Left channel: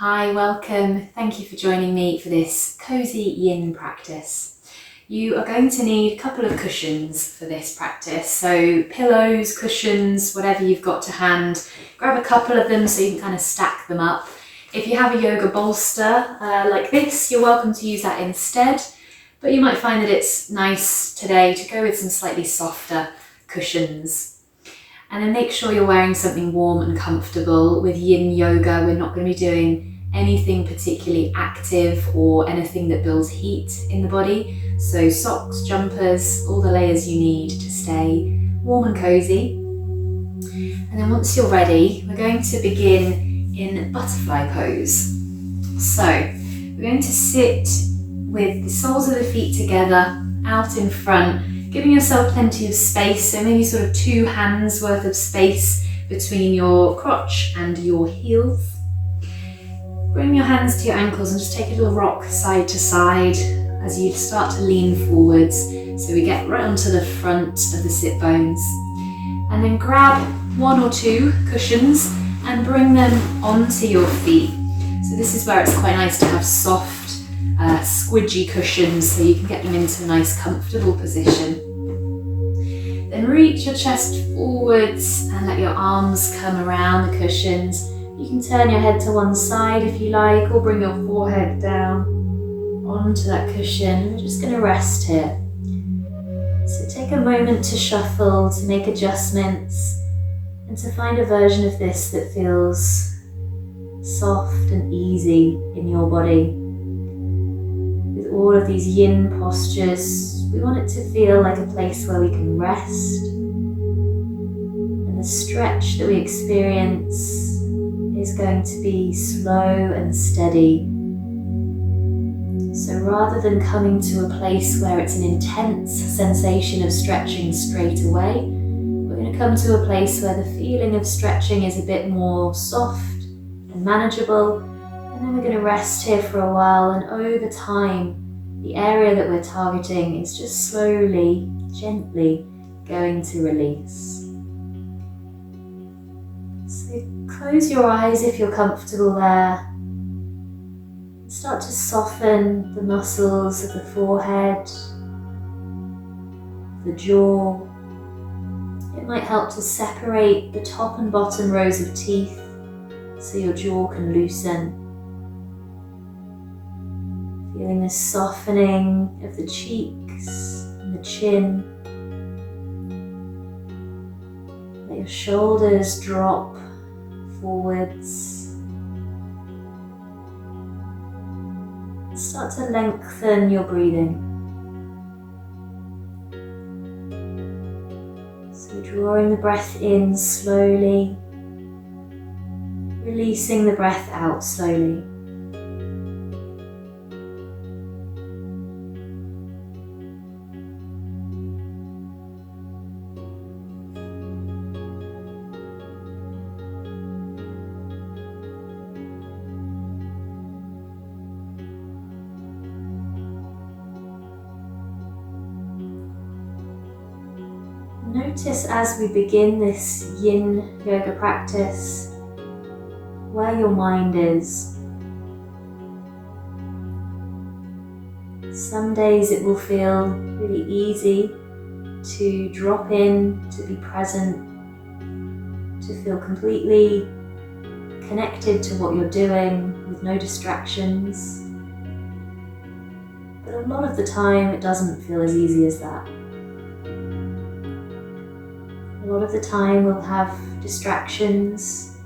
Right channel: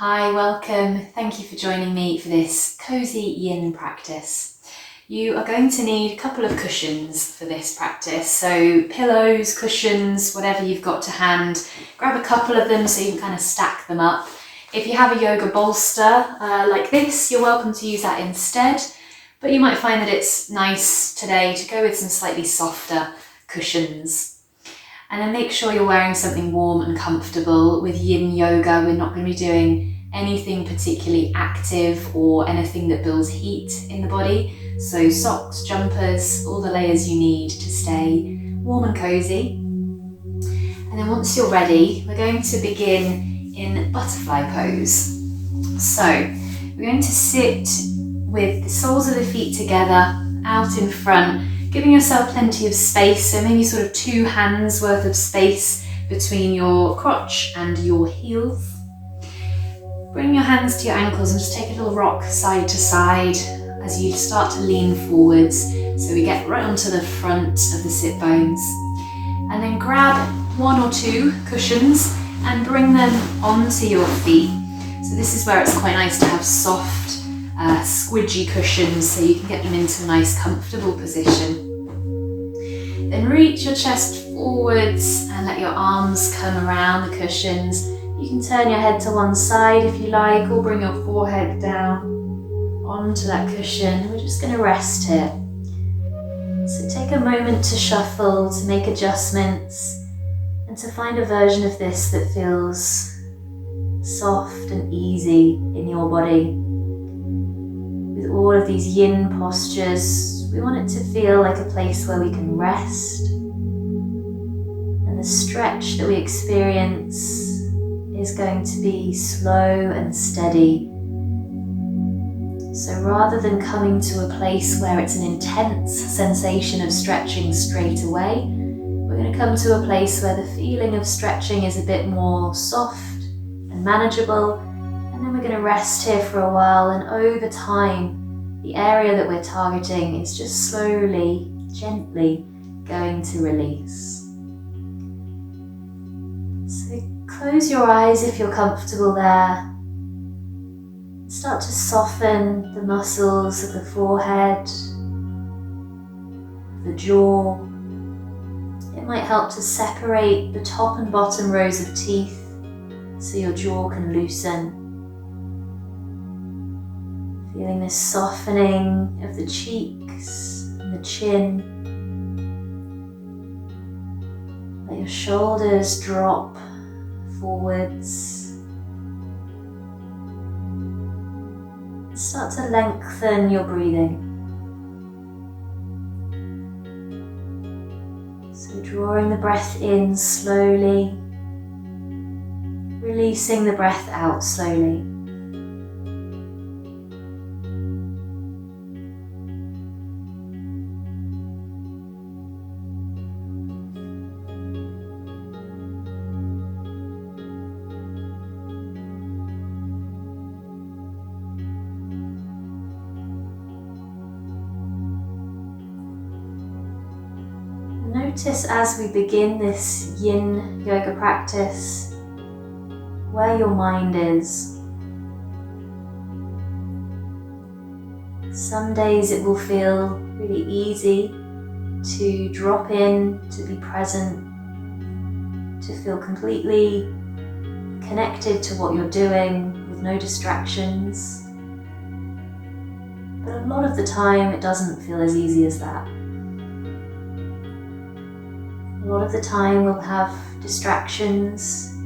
Hi, welcome. Thank you for joining me for this Cosy Yin practice. You are going to need a couple of cushions for this practice. So pillows, cushions, whatever you've got to hand. Grab a couple of them so you can kind of stack them up. If you have a yoga bolster like this, you're welcome to use that instead. But you might find that it's nice today to go with some slightly softer cushions. And then make sure you're wearing something warm and comfortable. With Yin Yoga, we're not going to be doing anything particularly active or anything that builds heat in the body. So socks, jumpers, all the layers you need to stay warm and cozy. And then once you're ready, we're going to begin in butterfly pose. So we're going to sit with the soles of the feet together out in front, giving yourself plenty of space, so maybe sort of 2 hands worth of space between your crotch and your heels. Bring your hands to your ankles and just take a little rock side to side as you start to lean forwards, so we get right onto the front of the sit bones. And then grab 1 or 2 cushions and bring them onto your feet. So this is where it's quite nice to have soft, squidgy cushions so you can get them into a nice comfortable position. Then reach your chest forwards and let your arms come around the cushions. You can turn your head to one side if you like, or bring your forehead down onto that cushion. We're just going to rest here. So take a moment to shuffle, to make adjustments, and to find a version of this that feels soft and easy in your body. With all of these yin postures, we want it to feel like a place where we can rest, and the stretch that we experience is going to be slow and steady. So rather than coming to a place where it's an intense sensation of stretching straight away, we're going to come to a place where the feeling of stretching is a bit more soft and manageable, and then we're going to rest here for a while, and over time the area that we're targeting is just slowly, gently going to release. So close your eyes if you're comfortable there. Start to soften the muscles of the forehead, the jaw. It might help to separate the top and bottom rows of teeth so your jaw can loosen. Feeling this softening of the cheeks and the chin. Let your shoulders drop forwards. Start to lengthen your breathing. So drawing the breath in slowly, releasing the breath out slowly. Notice as we begin this Yin Yoga practice where your mind is. Some days it will feel really easy to drop in, to be present, to feel completely connected to what you're doing with no distractions. But a lot of the time it doesn't feel as easy as that. A lot of the time we'll have distractions.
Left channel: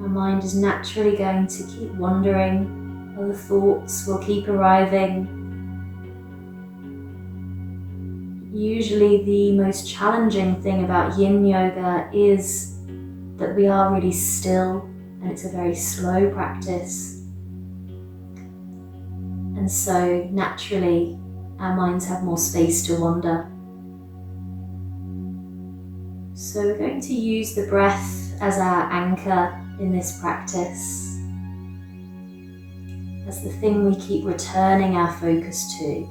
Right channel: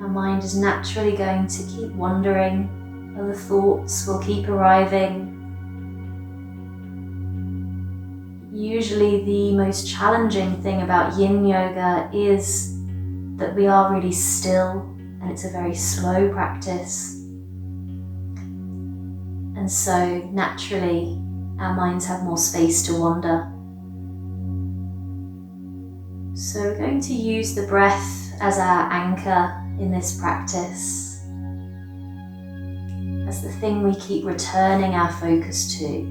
Our mind is naturally going to keep wandering, other thoughts will keep arriving. Usually the most challenging thing about Yin Yoga is that we are really still, and it's a very slow practice. And so naturally our minds have more space to wander. So we're going to use the breath as our anchor in this practice, as the thing we keep returning our focus to.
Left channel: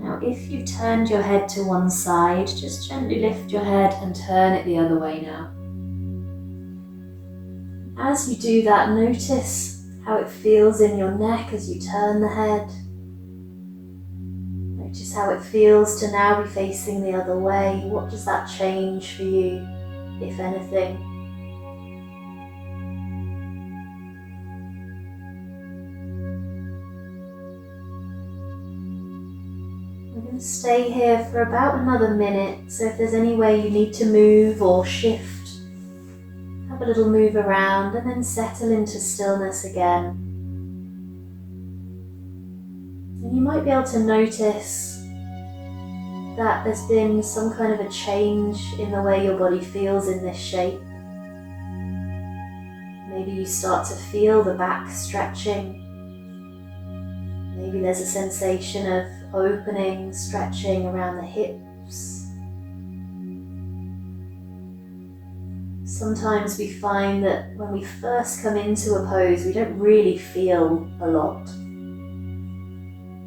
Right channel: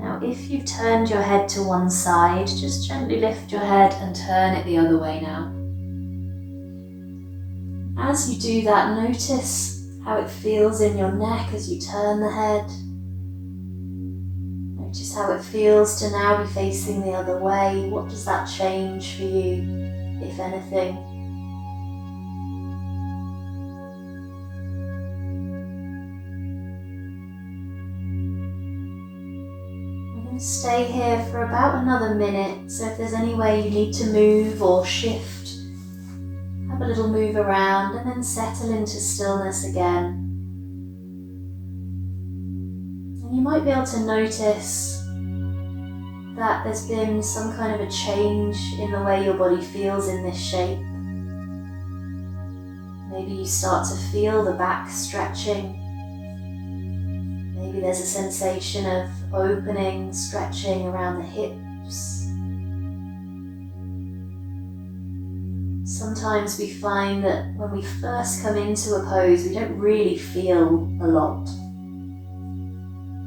Now, if you've turned your head to one side, just gently lift your head and turn it the other way now. As you do that, notice how it feels in your neck as you turn the head. Notice how it feels to now be facing the other way. What does that change for you, if anything? We're going to stay here for about another minute, so if there's any way you need to move or shift, have a little move around and then settle into stillness again. And you might be able to notice that there's been some kind of a change in the way your body feels in this shape. Maybe you start to feel the back stretching. Maybe there's a sensation of opening, stretching around the hips. Sometimes we find that when we first come into a pose, we don't really feel a lot.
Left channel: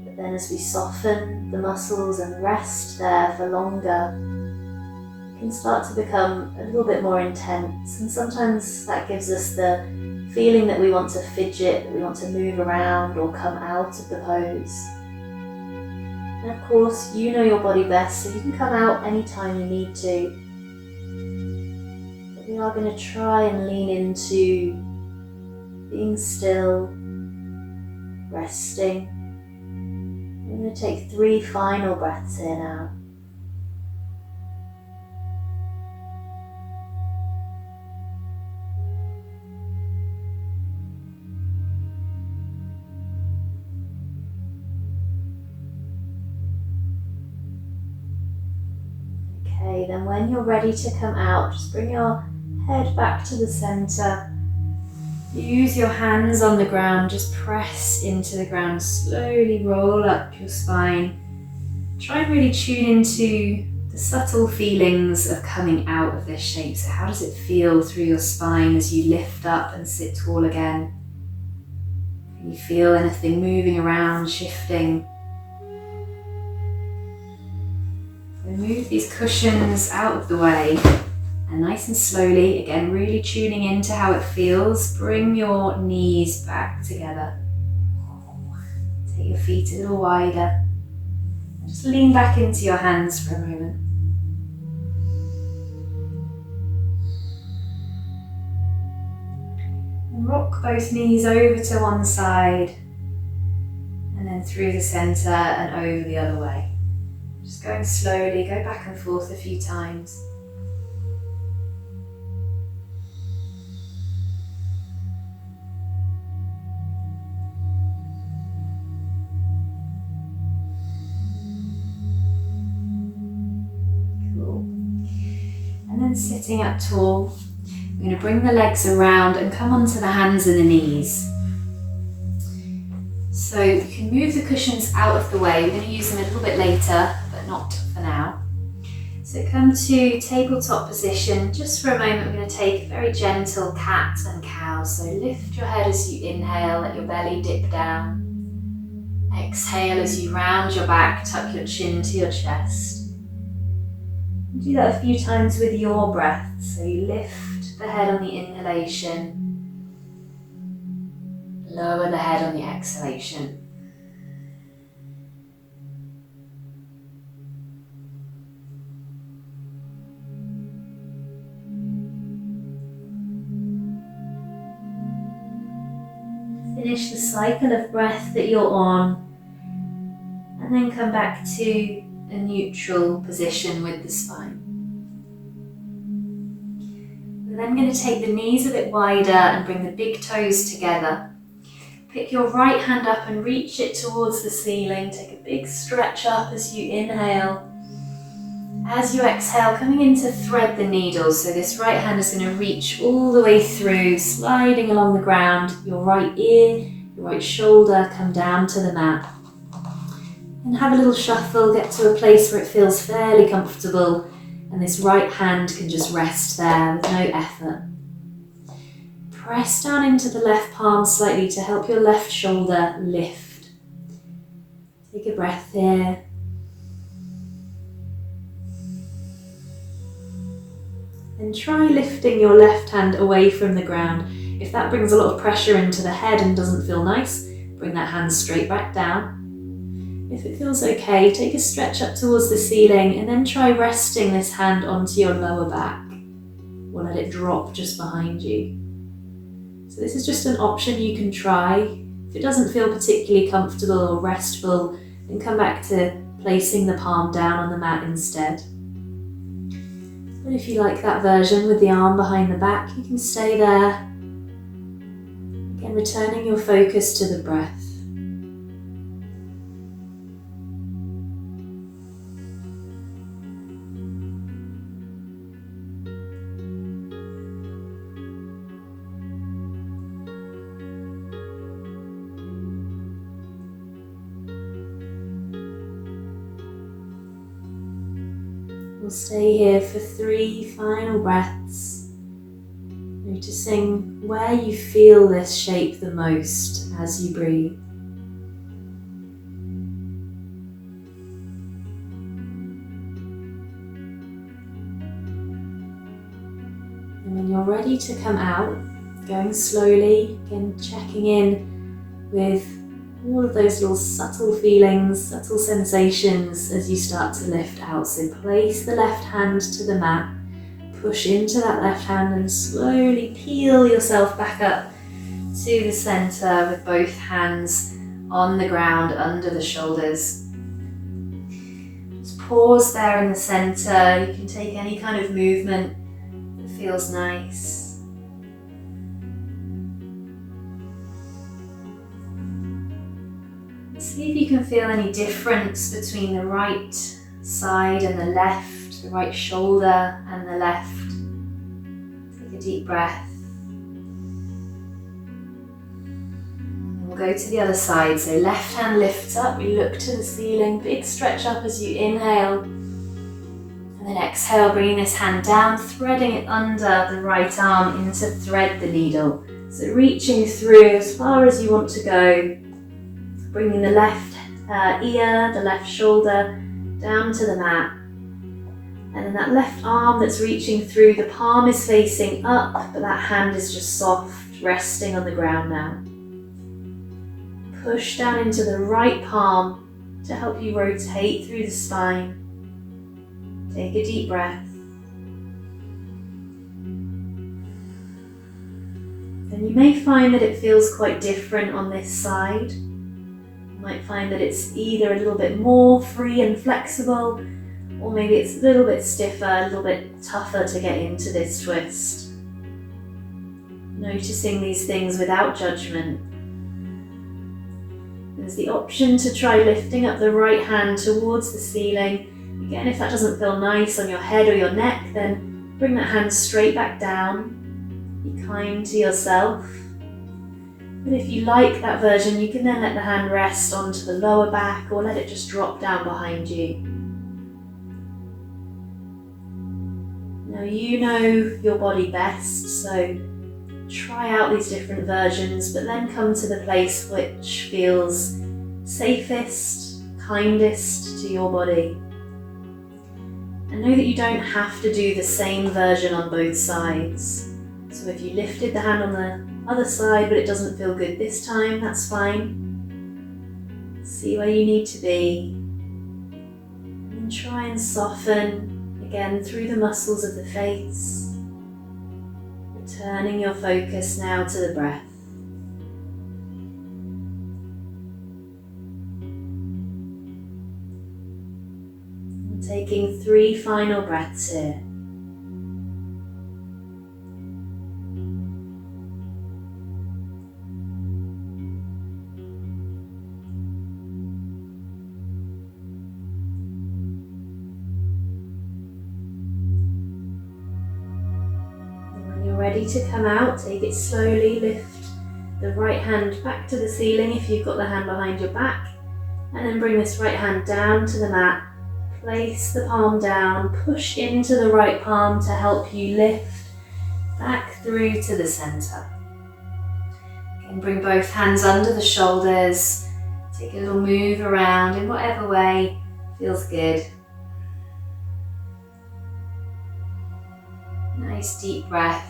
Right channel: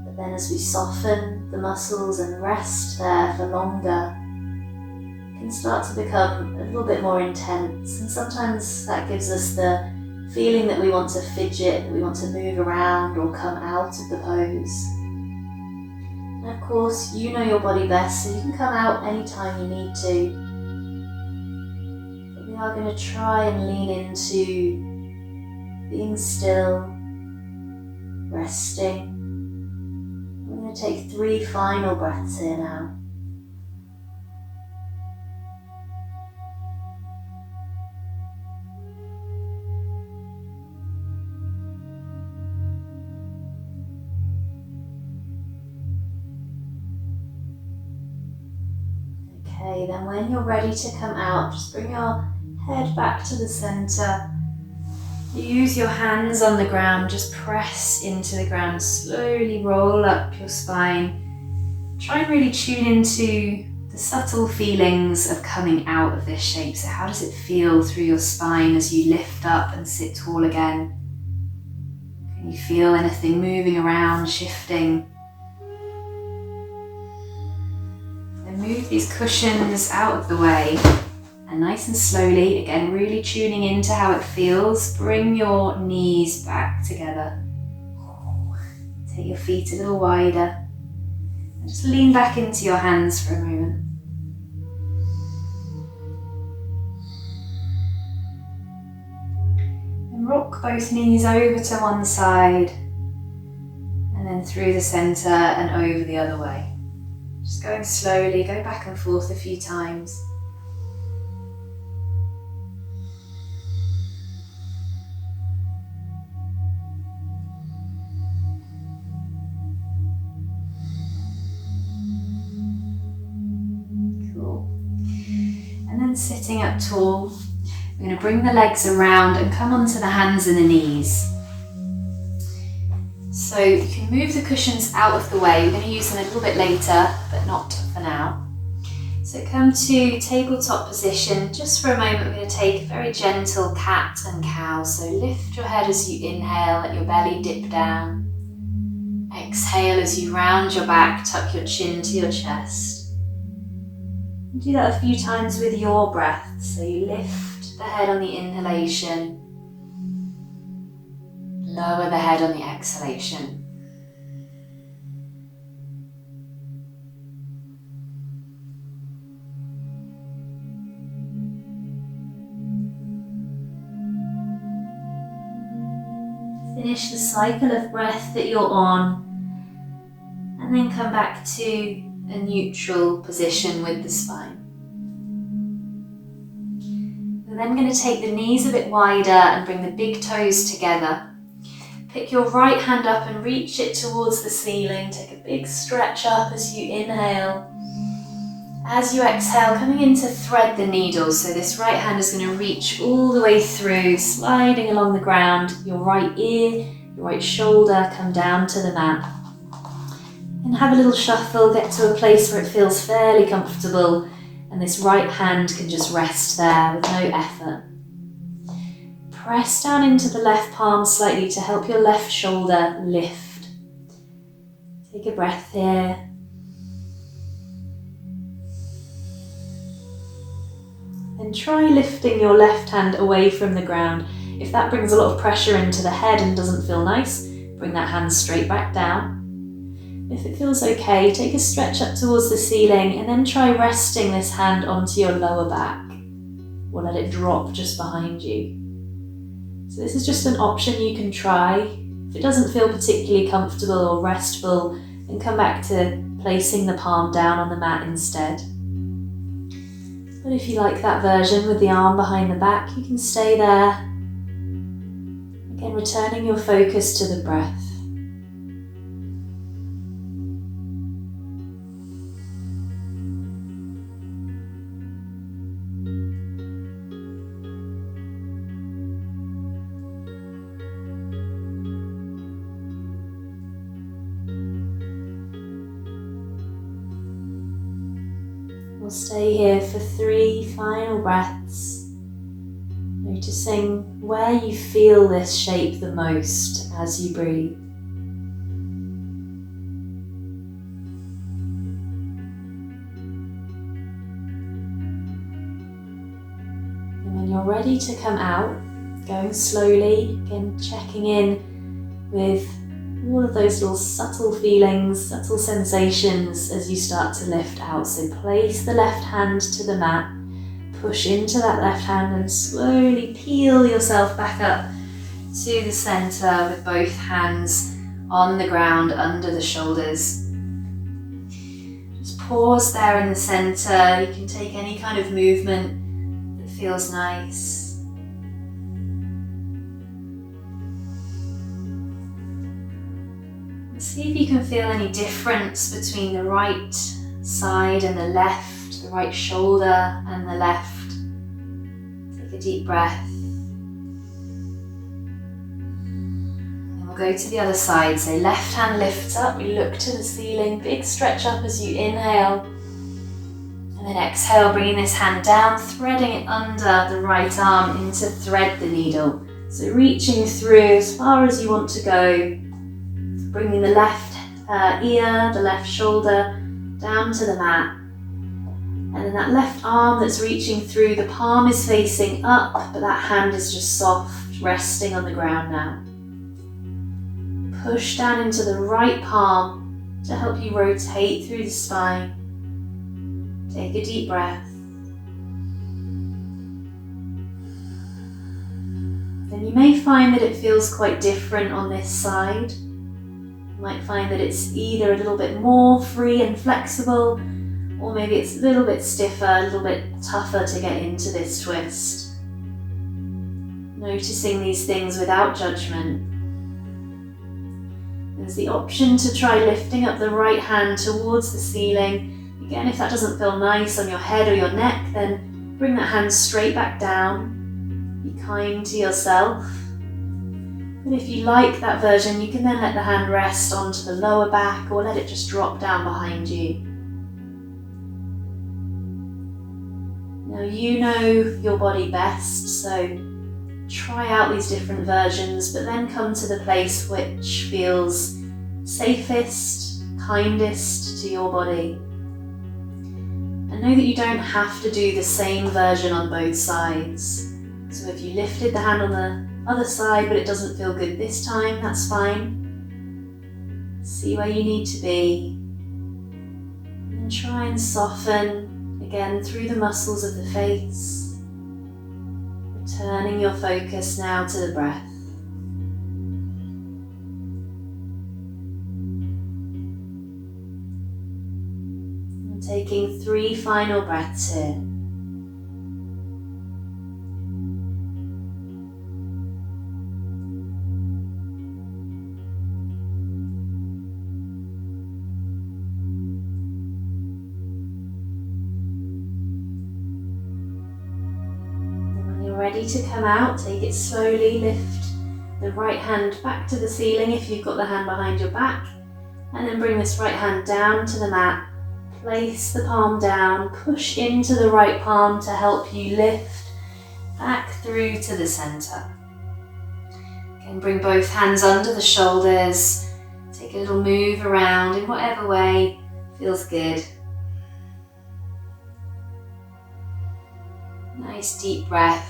But then as we soften the muscles and rest there for longer, it can start to become a little bit more intense. And sometimes that gives us the feeling that we want to fidget, that we want to move around or come out of the pose. And of course, you know your body best, so you can come out anytime you need to. But we are going to try and lean into being still, resting. We're going to take 3 final breaths here now. Okay, then when you're ready to come out, just bring your head back to the center. Use your hands on the ground, just press into the ground, slowly roll up your spine. Try and really tune into the subtle feelings of coming out of this shape. So how does it feel through your spine as you lift up and sit tall again? Can you feel anything moving around, shifting? Move these cushions out of the way and nice and slowly, again really tuning into how it feels, bring your knees back together. Take your feet a little wider and just lean back into your hands for a moment. And rock both knees over to one side and then through the center and over the other way. Just going slowly, go back and forth a few times. Cool. And then sitting up tall, we're going to bring the legs around and come onto the hands and the knees. So you can move the cushions out of the way. We're going to use them a little bit later, but not for now. So come to tabletop position. Just for a moment, we're going to take a very gentle cat and cow. So lift your head as you inhale, let your belly dip down. Exhale as you round your back, tuck your chin to your chest. Do that a few times with your breath. So you lift the head on the inhalation. Lower the head on the exhalation. Finish the cycle of breath that you're on and then come back to a neutral position with the spine. We're then going to take the knees a bit wider and bring the big toes together. Pick your right hand up and reach it towards the ceiling. Take a big stretch up as you inhale. As you exhale, coming in to thread the needles. So this right hand is going to reach all the way through, sliding along the ground. Your right ear, your right shoulder come down to the mat. And have a little shuffle, get to a place where it feels fairly comfortable. And this right hand can just rest there with no effort. Press down into the left palm slightly to help your left shoulder lift. Take a breath here. And try lifting your left hand away from the ground. if that brings a lot of pressure into the head and doesn't feel nice, bring that hand straight back down. If it feels okay, take a stretch up towards the ceiling and then try resting this hand onto your lower back, or let it drop just behind you. So this is just an option you can try. If it doesn't feel particularly comfortable or restful, then come back to placing the palm down on the mat instead. But if you like that version with the arm behind the back, you can stay there. Again, returning your focus to the breath. We'll stay here for 3 final breaths, noticing where you feel this shape the most as you breathe. And when you're ready to come out, going slowly, again checking in with all of those little subtle feelings, subtle sensations as you start to lift out. So place the left hand to the mat, push into that left hand and slowly peel yourself back up to the center with both hands on the ground under the shoulders. Just pause there in the center. You can take any kind of movement that feels nice. See if you can feel any difference between the right side and the left, the right shoulder and the left. Take a deep breath. And we'll go to the other side. So left hand lifts up, we look to the ceiling, big stretch up as you inhale. And then exhale, bringing this hand down, threading it under the right arm into thread the needle. So reaching through as far as you want to go. Bringing the left ear, the left shoulder down to the mat. And then that left arm that's reaching through, the palm is facing up, but that hand is just soft, resting on the ground now. Push down into the right palm to help you rotate through the spine. Take a deep breath. And you may find that it feels quite different on this side. You might find that it's either a little bit more free and flexible, or maybe it's a little bit stiffer, a little bit tougher to get into this twist. Noticing these things without judgment. There's the option to try lifting up the right hand towards the ceiling. Again, if that doesn't feel nice on your head or your neck, then bring that hand straight back down. Be kind to yourself. But if you like that version, you can then let the hand rest onto the lower back or let it just drop down behind you. Now you know your body best, so try out these different versions, but then come to the place which feels safest, kindest to your body. And know that you don't have to do the same version on both sides. So if you lifted the hand on the other side but it doesn't feel good this time, that's fine. See where you need to be. And try and soften again through the muscles of the face. Returning your focus now to the breath. And taking 3 final breaths here. Ready to come out, take it slowly, lift the right hand back to the ceiling if you've got the hand behind your back, and then bring this right hand down to the mat, place the palm down, push into the right palm to help you lift back through to the center. Again, bring both hands under the shoulders, take a little move around in whatever way feels good. Nice deep breath.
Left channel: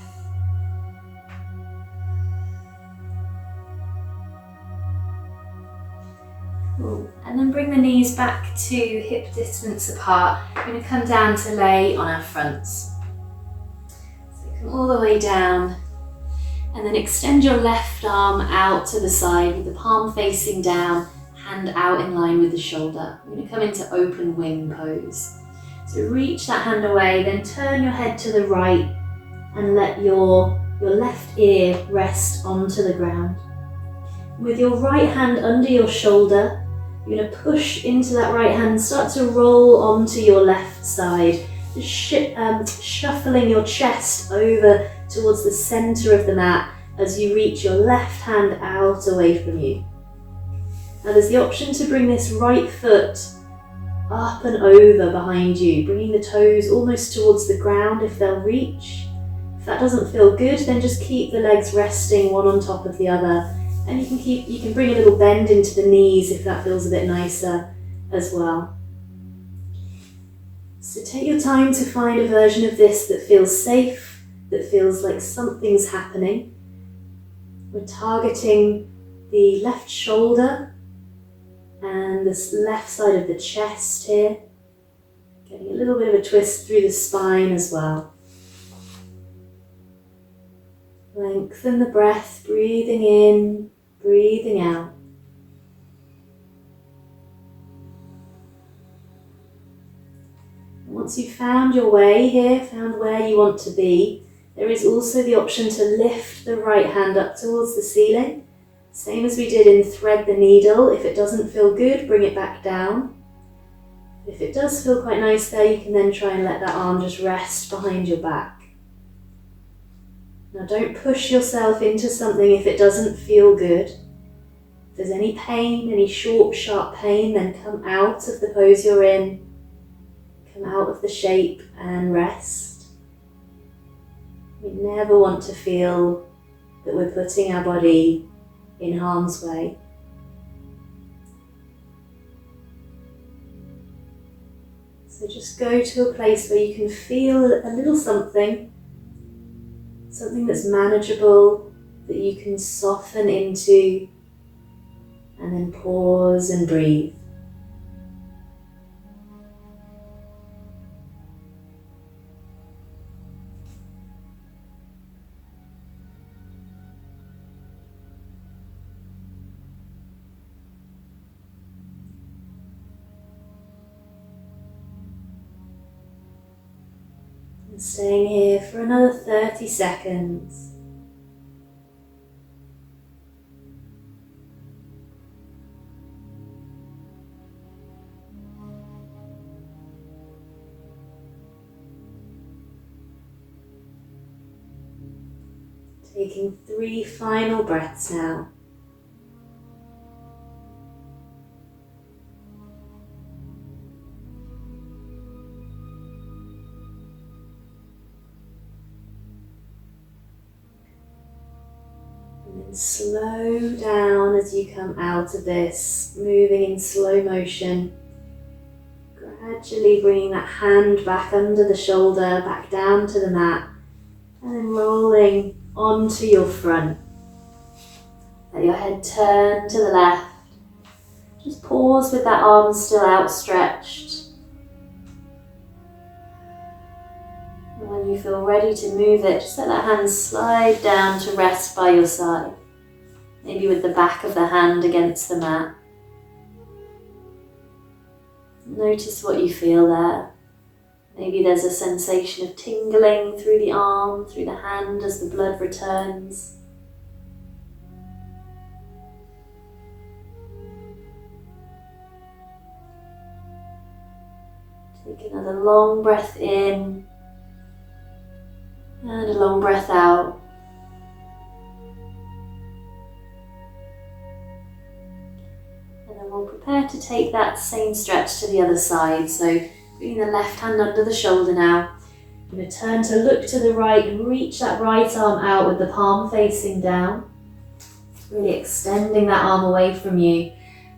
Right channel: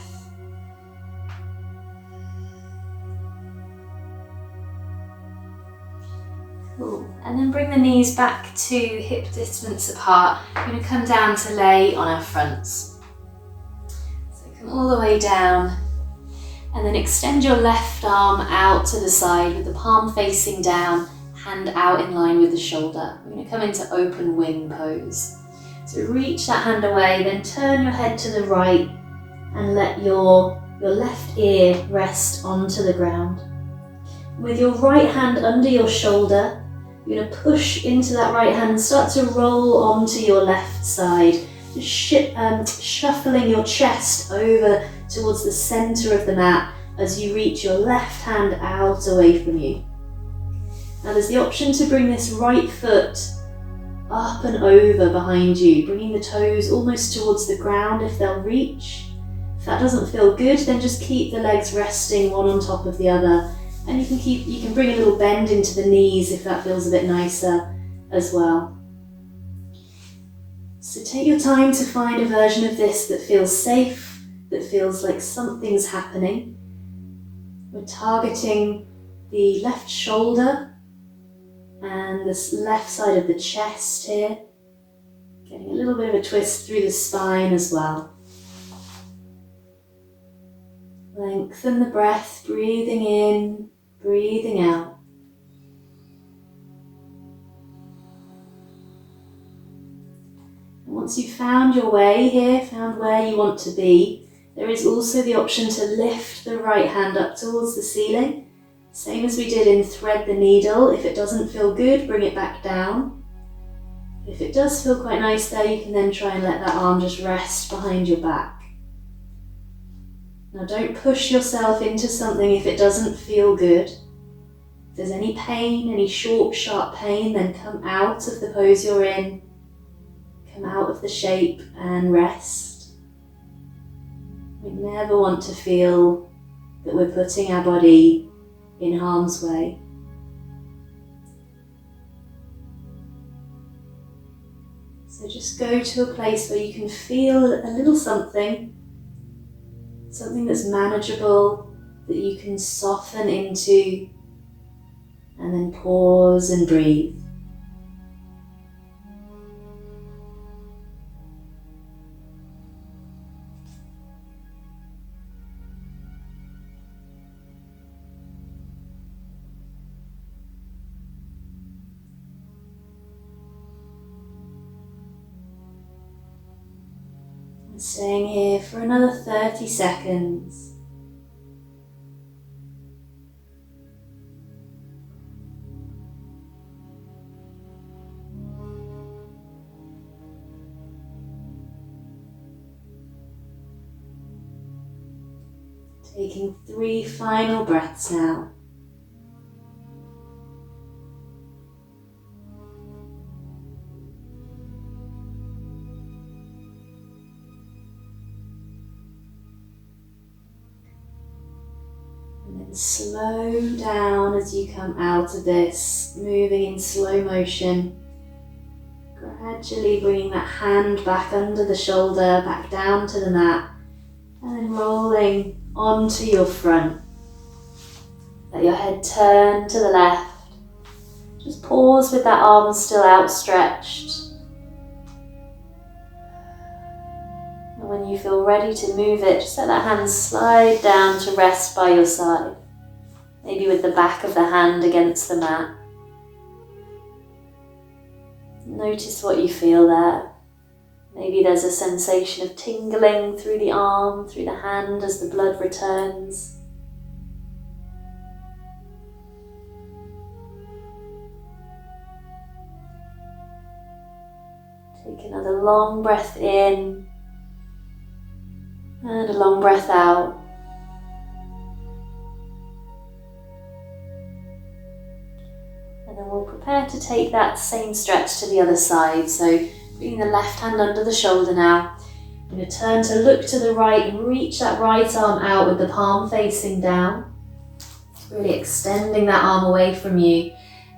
Cool. And then bring the knees back to hip distance apart. We're going to come down to lay on our fronts. So come all the way down and then extend your left arm out to the side with the palm facing down, hand out in line with the shoulder. We're going to come into open wing pose. So reach that hand away, then turn your head to the right and let your left ear rest onto the ground. With your right hand under your shoulder, you're going to push into that right hand and start to roll onto your left side, just shuffling your chest over towards the center of the mat as you reach your left hand out away from you. Now there's the option to bring this right foot up and over behind you, bringing the toes almost towards the ground if they'll reach. If that doesn't feel good, then just keep the legs resting one on top of the other. And you can bring a little bend into the knees if that feels a bit nicer as well. So take your time to find a version of this that feels safe, that feels like something's happening. We're targeting the left shoulder and the left side of the chest here. Getting a little bit of a twist through the spine as well. Lengthen the breath, breathing in, breathing out. And once you've found your way here, found where you want to be, there is also the option to lift the right hand up towards the ceiling. Same as we did in thread the needle. If it doesn't feel good, bring it back down. If it does feel quite nice there, you can then try and let that arm just rest behind your back. Now don't push yourself into something if it doesn't feel good. If there's any pain, any short, sharp pain, then come out of the pose you're in. Come out of the shape and rest. We never want to feel that we're putting our body in harm's way. So just go to a place where you can feel a little something that's manageable, that you can soften into, and then pause and breathe. And staying here for another 30 seconds. Taking 3 final breaths now. And then slow down as you come out of this, moving in slow motion. Gradually bringing that hand back under the shoulder, back down to the mat, and then rolling onto your front. Let your head turn to the left. Just pause with that arm still outstretched. And when you feel ready to move it, just let that hand slide down to rest by your side. Maybe with the back of the hand against the mat. Notice what you feel there. Maybe there's a sensation of tingling through the arm, through the hand as the blood returns. Take another long breath in and a long breath out. And then we'll prepare to take that same stretch to the other side. So bringing the left hand under the shoulder now. I'm going to turn to look to the right and reach that right arm out with the palm facing down. Really extending that arm away from you.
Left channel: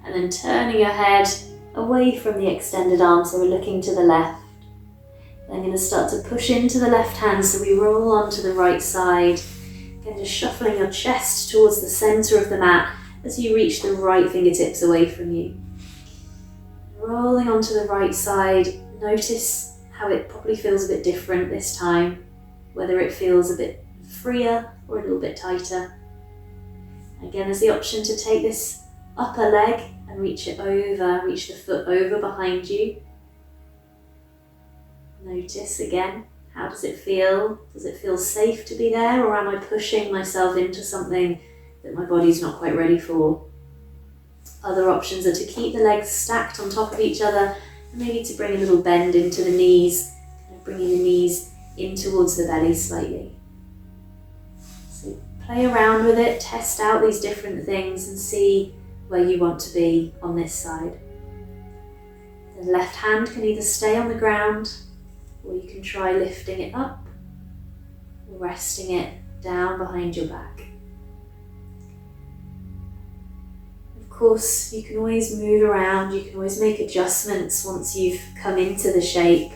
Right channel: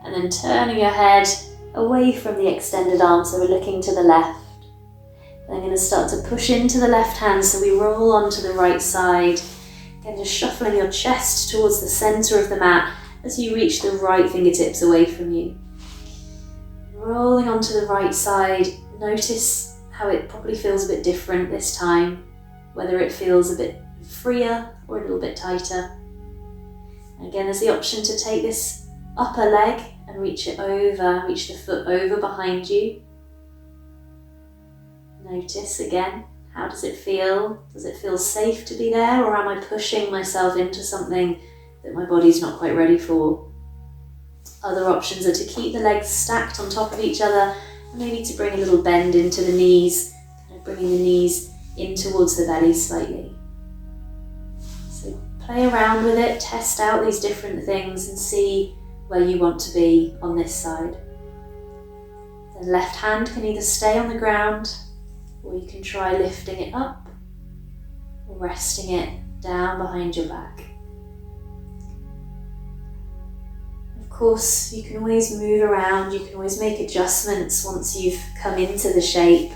And then turning your head away from the extended arm, so we're looking to the left. Then I'm going to start to push into the left hand, so we roll onto the right side. Again, just shuffling your chest towards the center of the mat as you reach the right fingertips away from you. Rolling onto the right side, notice how it probably feels a bit different this time, whether it feels a bit freer or a little bit tighter. Again, there's the option to take this upper leg and reach the foot over behind you. Notice again, how does it feel? Does it feel safe to be there, or am I pushing myself into something that my body's not quite ready for? Other options are to keep the legs stacked on top of each other, and maybe to bring a little bend into the knees, kind of bringing the knees in towards the belly slightly. So play around with it, test out these different things and see where you want to be on this side. The left hand can either stay on the ground, or you can try lifting it up or resting it down behind your back. Of course, you can always move around, you can always make adjustments once you've come into the shape.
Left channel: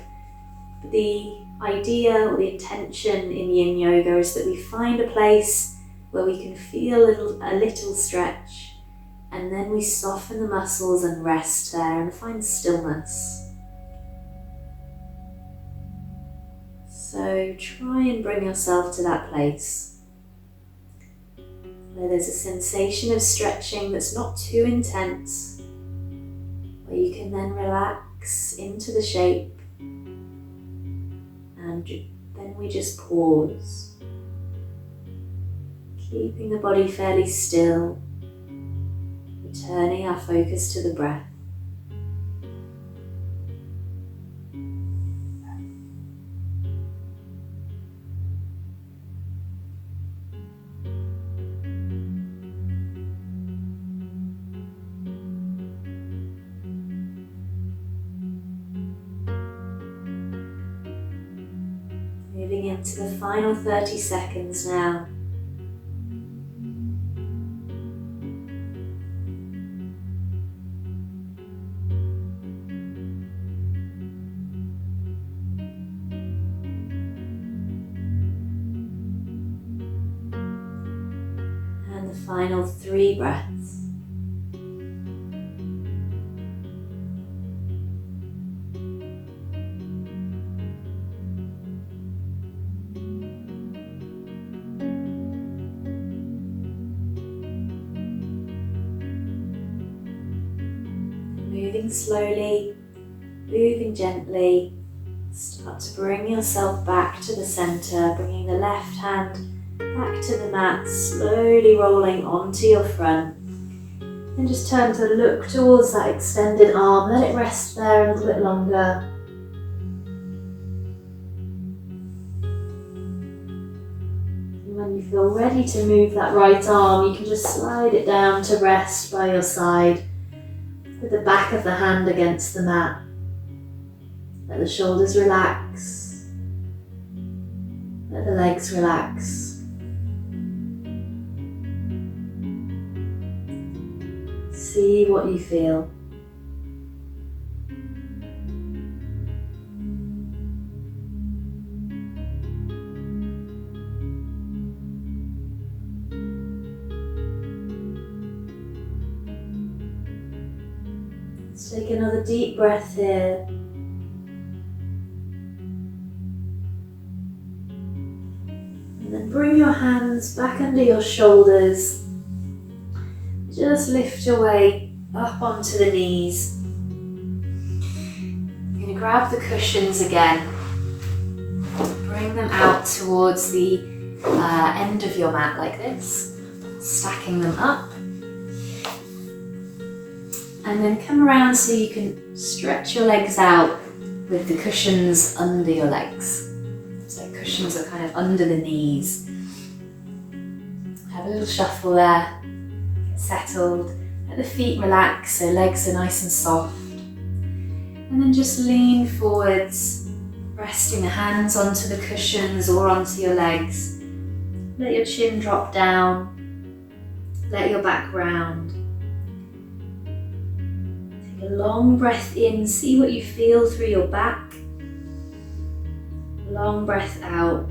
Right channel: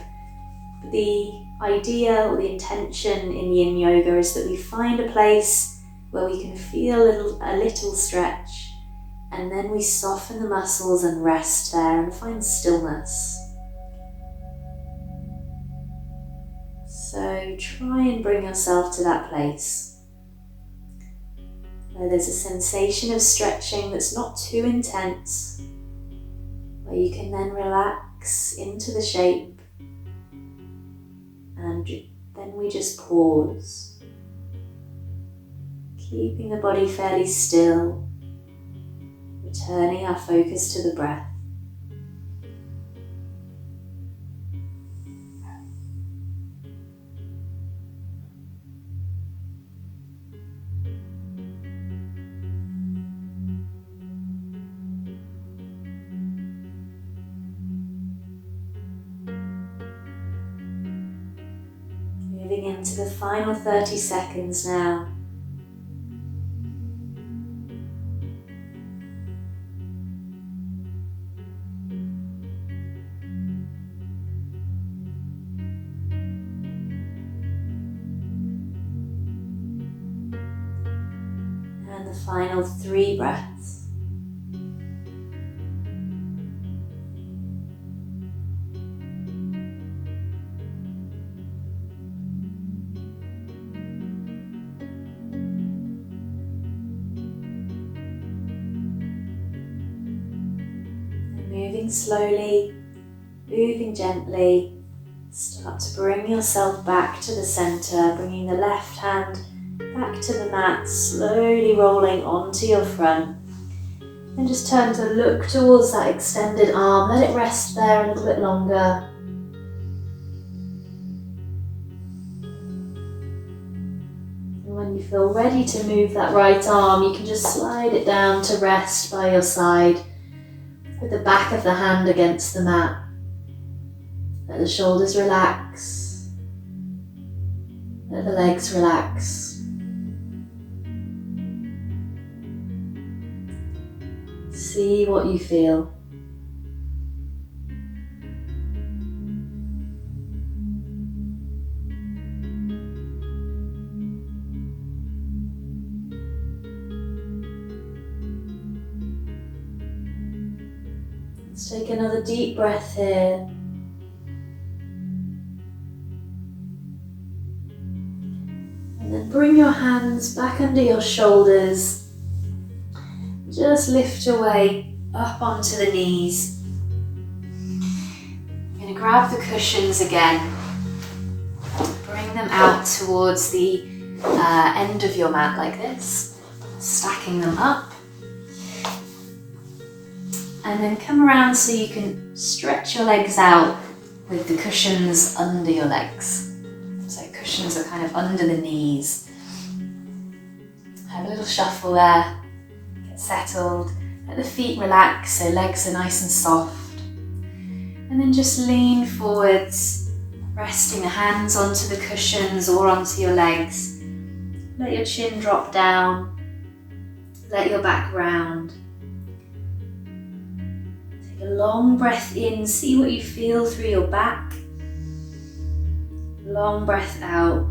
But the idea or the intention in Yin Yoga is that we find a place where we can feel a little stretch, and then we soften the muscles and rest there and find stillness. So try and bring yourself to that place where there's a sensation of stretching that's not too intense, where you can then relax into the shape, and then we just pause, keeping the body fairly still, returning our focus to the breath. Moving into the final 30 seconds now. And the final 3 breaths. Moving slowly, moving gently, start to bring yourself back to the center, bringing the left hand back to the mat, slowly rolling onto your front. Then just turn to look towards that extended arm, let it rest there a little bit longer. And when you feel ready to move that right arm, you can just slide it down to rest by your side, with the back of the hand against the mat. Let the shoulders relax. Let the legs relax. See what you feel. Let's take another deep breath here. And then bring your hands back under your shoulders. Just lift your way up onto the knees. You're going to grab the cushions again. Bring them out towards the end of your mat like this, stacking them up. And then come around so you can stretch your legs out with the cushions under your legs. So cushions are kind of under the knees. Have a little shuffle there. Get settled. Let the feet relax so legs are nice and soft. And then just lean forwards, resting the hands onto the cushions or onto your legs. Let your chin drop down. Let your back round. A long breath in, see what you feel through your back. Long breath out.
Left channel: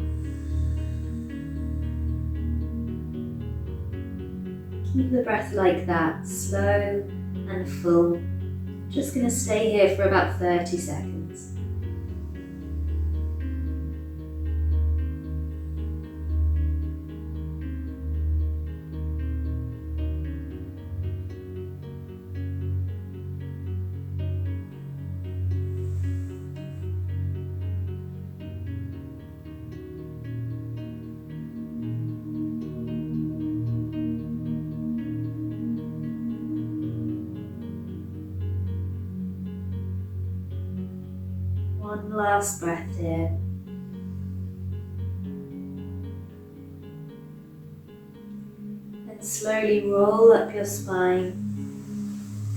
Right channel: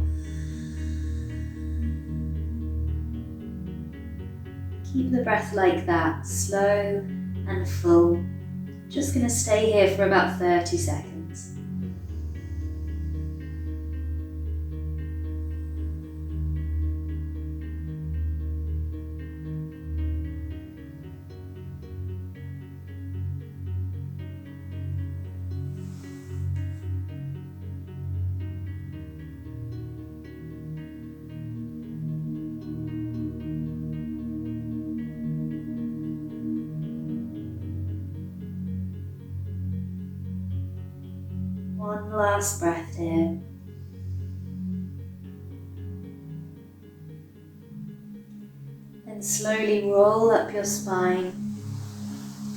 Keep the breath like that, slow and full. Just going to stay here for about 30 seconds. One last breath here. Then slowly roll up your spine.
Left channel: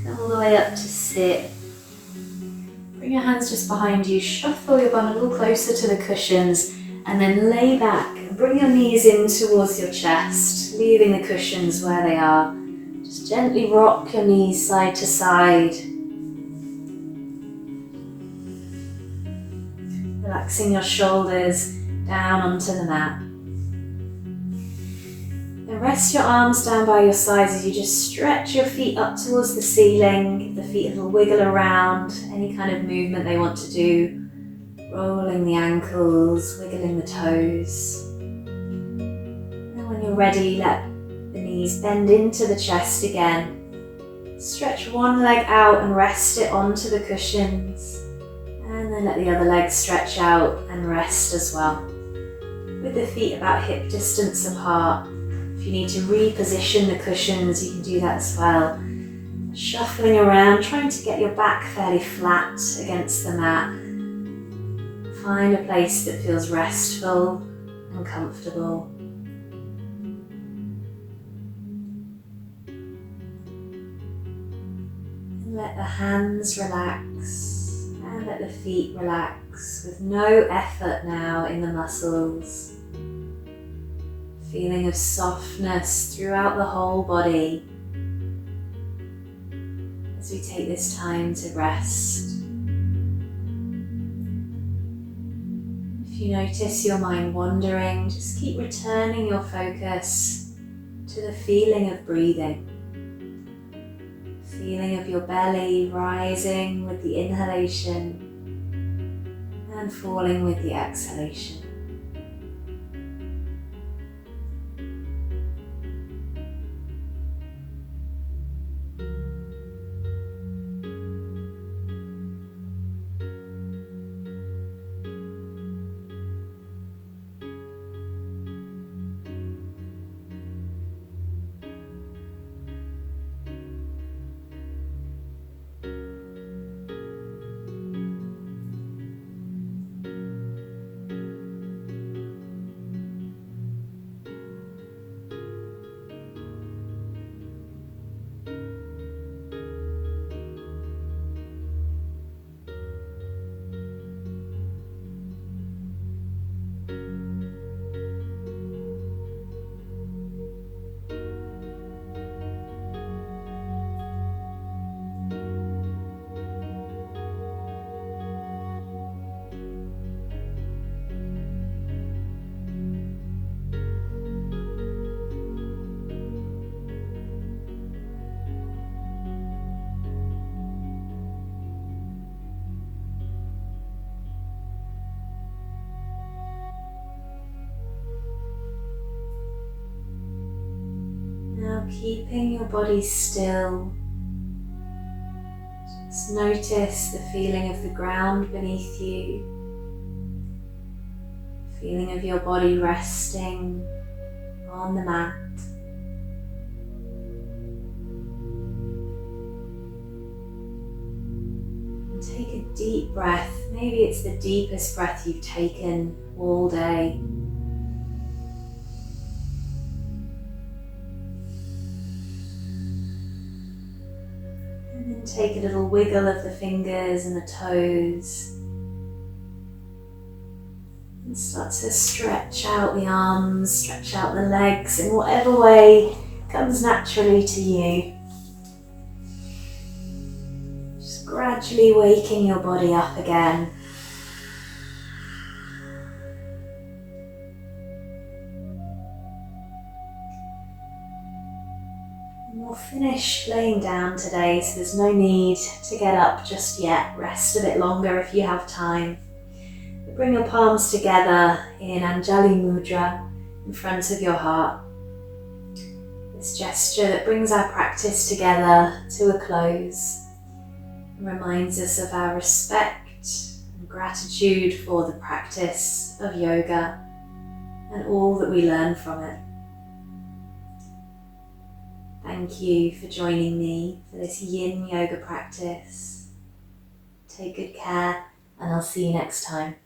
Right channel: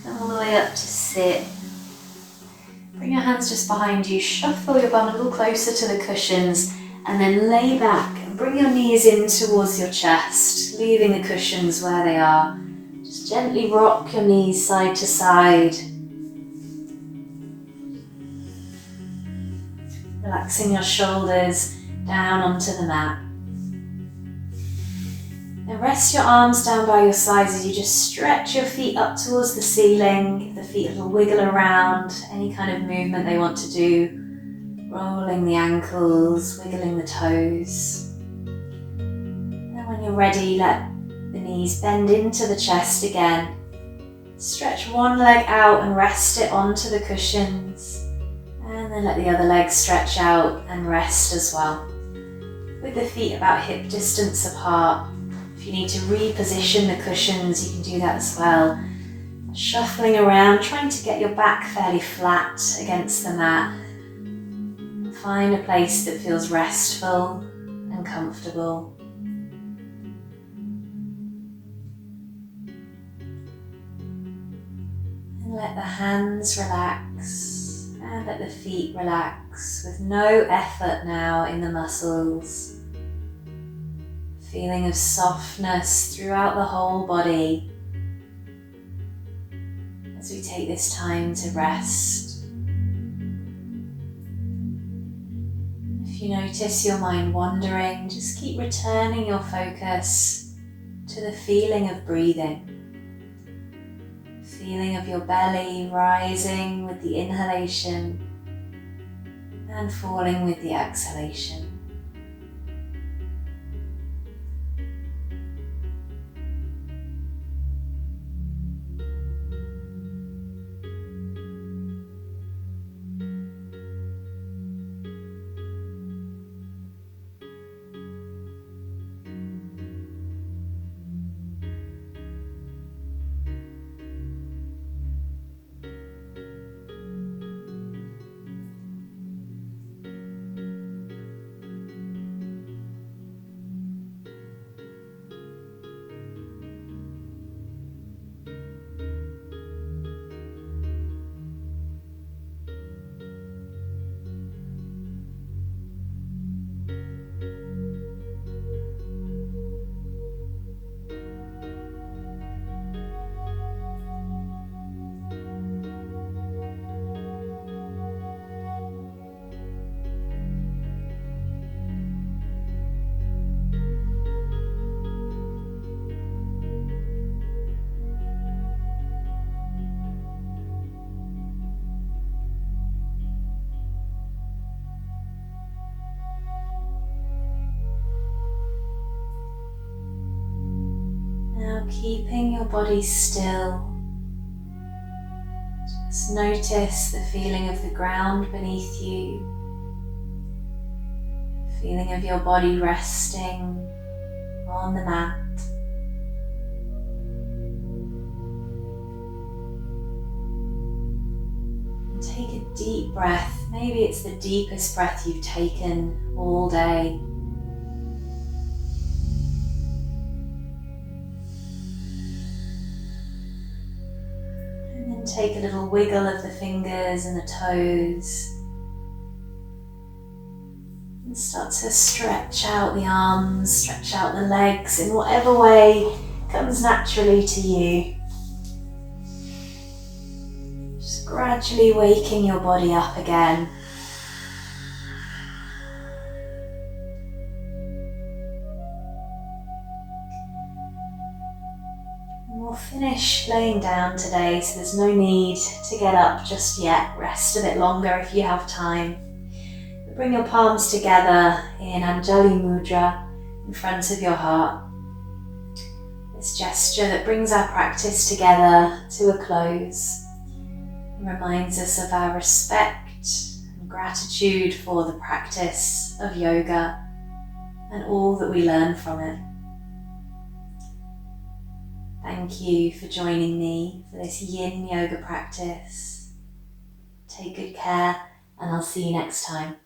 Come all the way up to sit. Bring your hands just behind you, shuffle your bum a little closer to the cushions, and then lay back and bring your knees in towards your chest, leaving the cushions where they are. Just gently rock your knees side to side. Relaxing your shoulders down onto the mat. Then rest your arms down by your sides as you just stretch your feet up towards the ceiling. Give the feet a little wiggle around, any kind of movement they want to do. Rolling the ankles, wiggling the toes. And when you're ready, let the knees bend into the chest again. Stretch one leg out and rest it onto the cushions. And then let the other leg stretch out and rest as well. With the feet about hip distance apart. If you need to reposition the cushions, you can do that as well. Shuffling around, trying to get your back fairly flat against the mat. Find a place that feels restful and comfortable. And let the hands relax. And let the feet relax with no effort now in the muscles. Feeling of softness throughout the whole body as we take this time to rest. If you notice your mind wandering, just keep returning your focus to the feeling of breathing. Feeling of your belly rising with the inhalation and falling with the exhalation. Now keeping your body still, just notice the feeling of the ground beneath you, feeling of your body resting on the mat. And take a deep breath, maybe it's the deepest breath you've taken all day. Take a little wiggle of the fingers and the toes and start to stretch out the arms, stretch out the legs in whatever way comes naturally to you. Just gradually waking your body up again. We'll finish laying down today, so there's no need to get up just yet. Rest a bit longer if you have time. But bring your palms together in Anjali Mudra in front of your heart. This gesture that brings our practice together to a close and reminds us of our respect and gratitude for the practice of yoga and all that we learn from it. Thank you for joining me for this Yin Yoga practice. Take good care, and I'll see you next time.